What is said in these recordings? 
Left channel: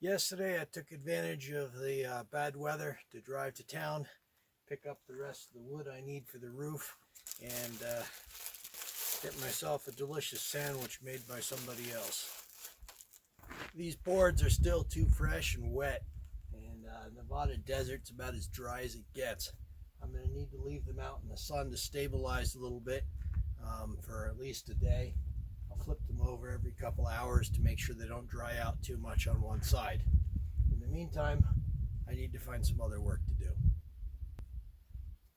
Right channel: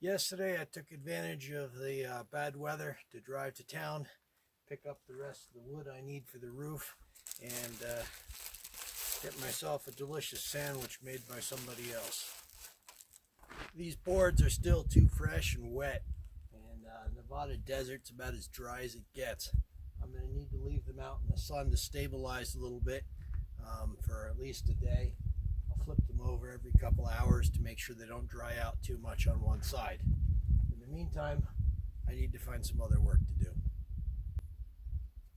Yesterday I took advantage of the bad weather to drive to town, pick up the rest of the wood I need for the roof, and get myself a delicious sandwich made by somebody else. These boards are still too fresh and wet, and Nevada desert's about as dry as it gets. I'm going to need to leave them out in the sun to stabilize a little bit for at least a day. I'll flip them over every couple hours to make sure they don't dry out too much on one side. In the meantime, I need to find some other work to do.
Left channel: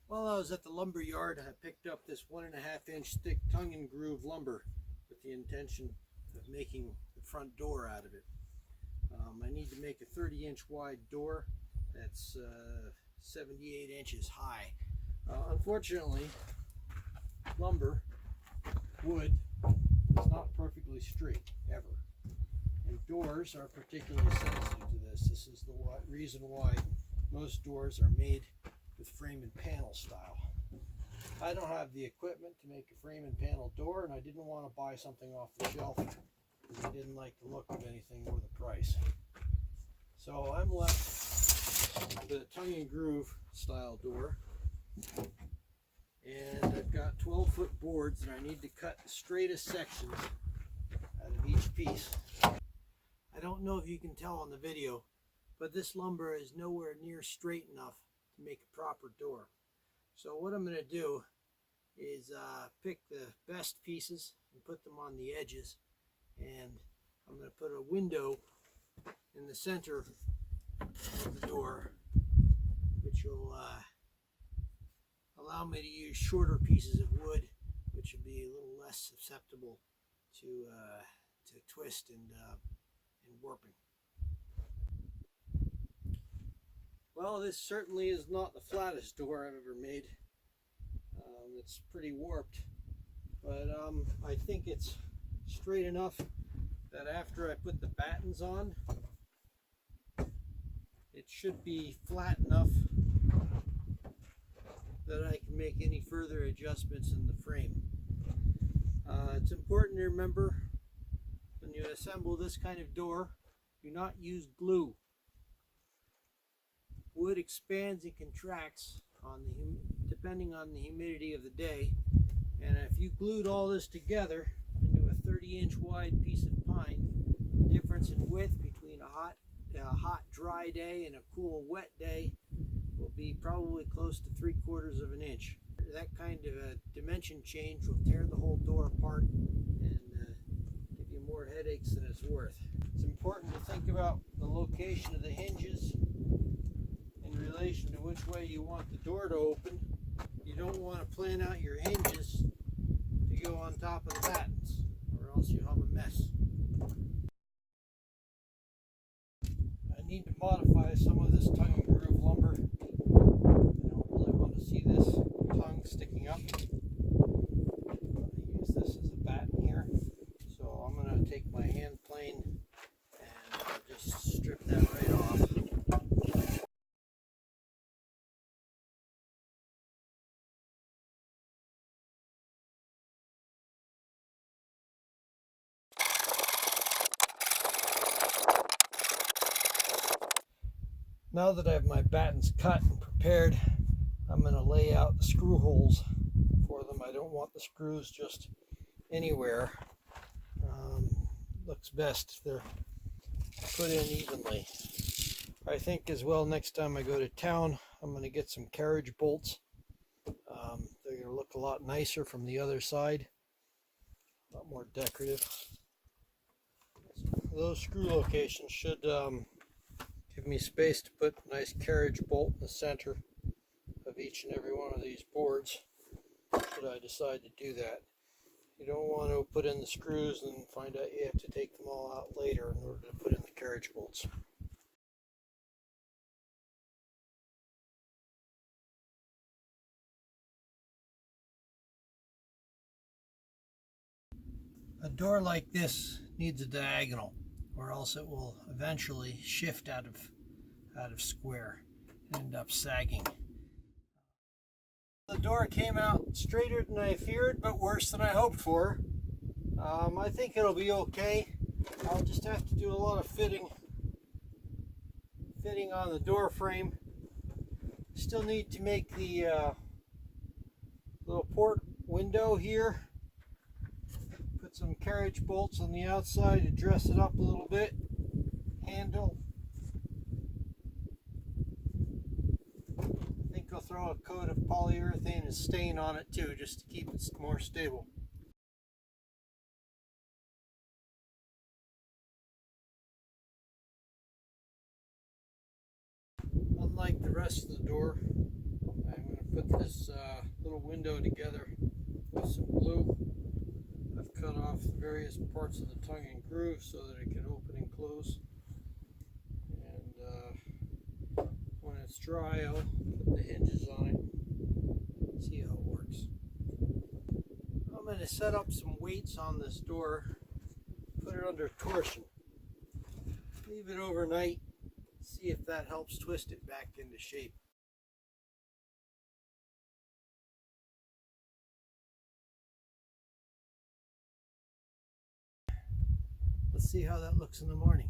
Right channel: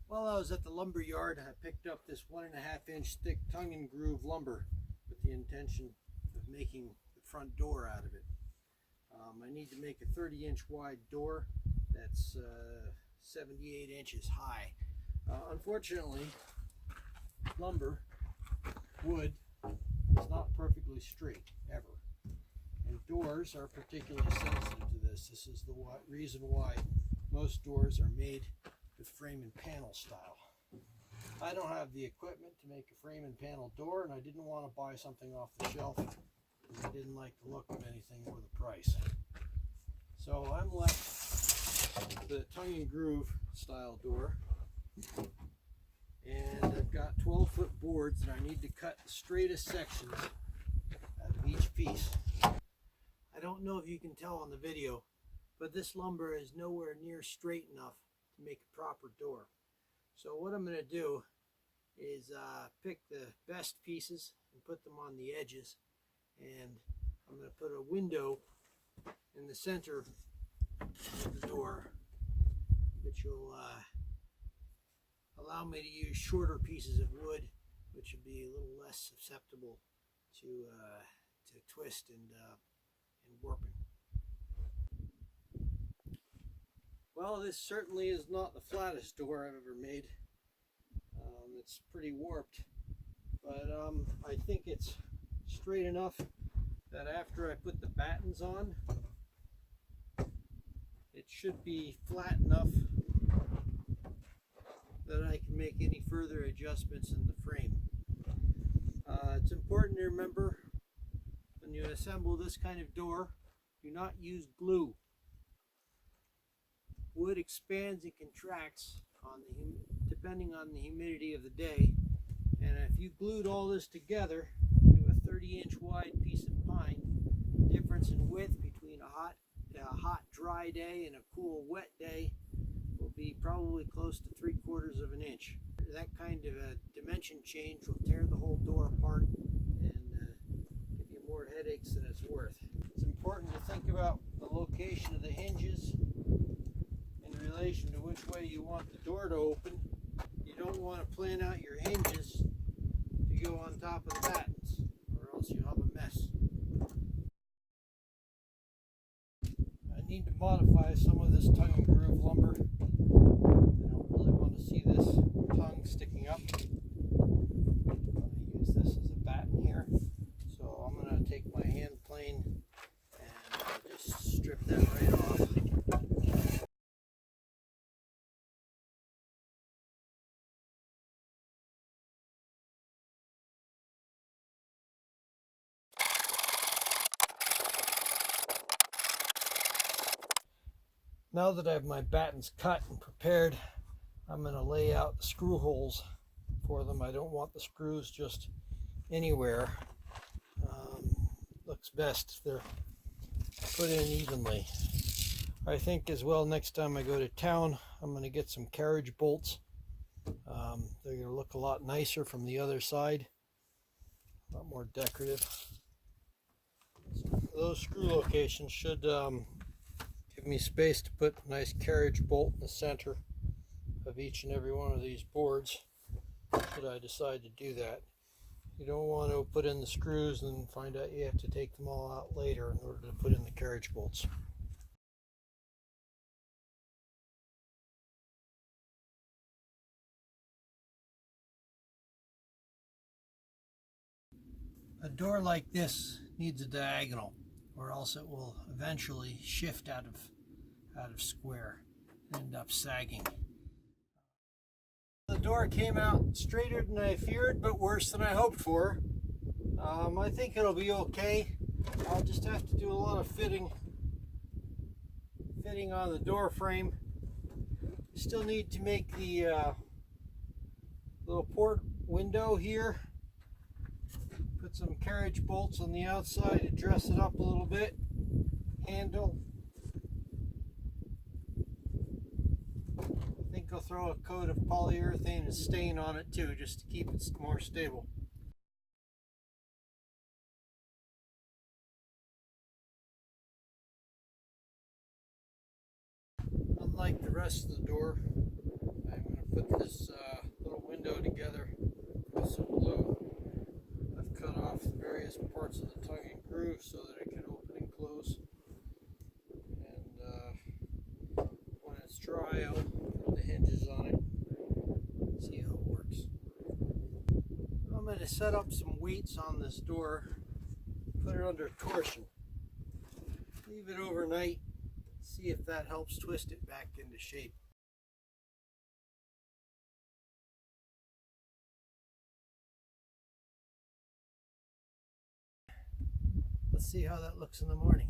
While I was at the lumber yard, I picked up this 1.5 inch thick tongue and groove lumber with the intention of making the front door out of it. I need to make a 30-inch wide door that's 78 inches high. Unfortunately, wood, is not perfectly straight, ever. And doors are particularly sensitive to this. This is the reason why most doors are made with frame and panel style. I don't have the equipment to make a frame and panel door, and I didn't want to buy something off the shelf because I didn't like the look of anything or the price. So I'm left with a tongue and groove style door. And I've got 12-foot boards and I need to cut the straightest sections out of each piece. I don't know if you can tell on the video, but this lumber is nowhere near straight enough to make a proper door. So what I'm going to do is pick the best pieces and put them on the edges, and I'm going to put a window in the center of the door, which will allow me to use shorter pieces of wood, which will be a little less susceptible to twist and warping. Well, this certainly is not the flattest door I've ever made. It's pretty warped, but I think it's straight enough that after I put the battens on, it should be flat enough that I can make any further adjustments in the frame. It's important to remember when you assemble this kind of door, do not use glue. Wood expands and contracts depending on the humidity of the day, and if you glued all this together into a 30-inch wide piece of pine, the difference in width between a hot dry day and a cool wet day will be probably close to 3/4 of an inch. That kind of a dimension change will tear the whole door apart and give you more headaches than it's worth. It's important to think about the location of the hinges in relation to which way you want the door to open. You don't want to plan out your hinges to go on top of the battens, or else you'll have a mess. I need to modify some of this tongue and groove lumber. I don't really want to see this tongue sticking up. I use this as a batten here. So I'm going to take my hand plane and just strip that right off. Now that I have my battens cut and prepared, I'm going to lay out the screw holes for them. I don't want the screws just anywhere. Looks best if they're put in evenly. I think as well next time I go to town, I'm going to get some carriage bolts. They're going to look a lot nicer from the other side, a lot more decorative. Those screw locations should give me space to put a nice carriage bolt in the center of each and every one of these boards should I decide to do that. You don't want to put in the screws and find out you have to take them all out later in order to put in the carriage bolts. A door like this needs a diagonal, or else it will eventually shift out of square and end up sagging. The door came out straighter than I feared, but worse than I hoped for. I think it'll be okay. I'll just have to do a lot of fitting on the door frame. Still need to make the little port window here. Put some carriage bolts on the outside to dress it up a little bit. Handle. I think I'll throw a coat of polyurethane and stain on it too, just to keep it more stable. Unlike the rest of the door, I'm going to put this little window together with some glue. I've cut off the various parts of the tongue and groove so that it can open and close. And when it's dry, I'll put the hinges on it, see how it works. I'm going to set up some weights on this door, put it under torsion, leave it overnight, see if that helps twist it back into shape. Let's see how that looks in the morning.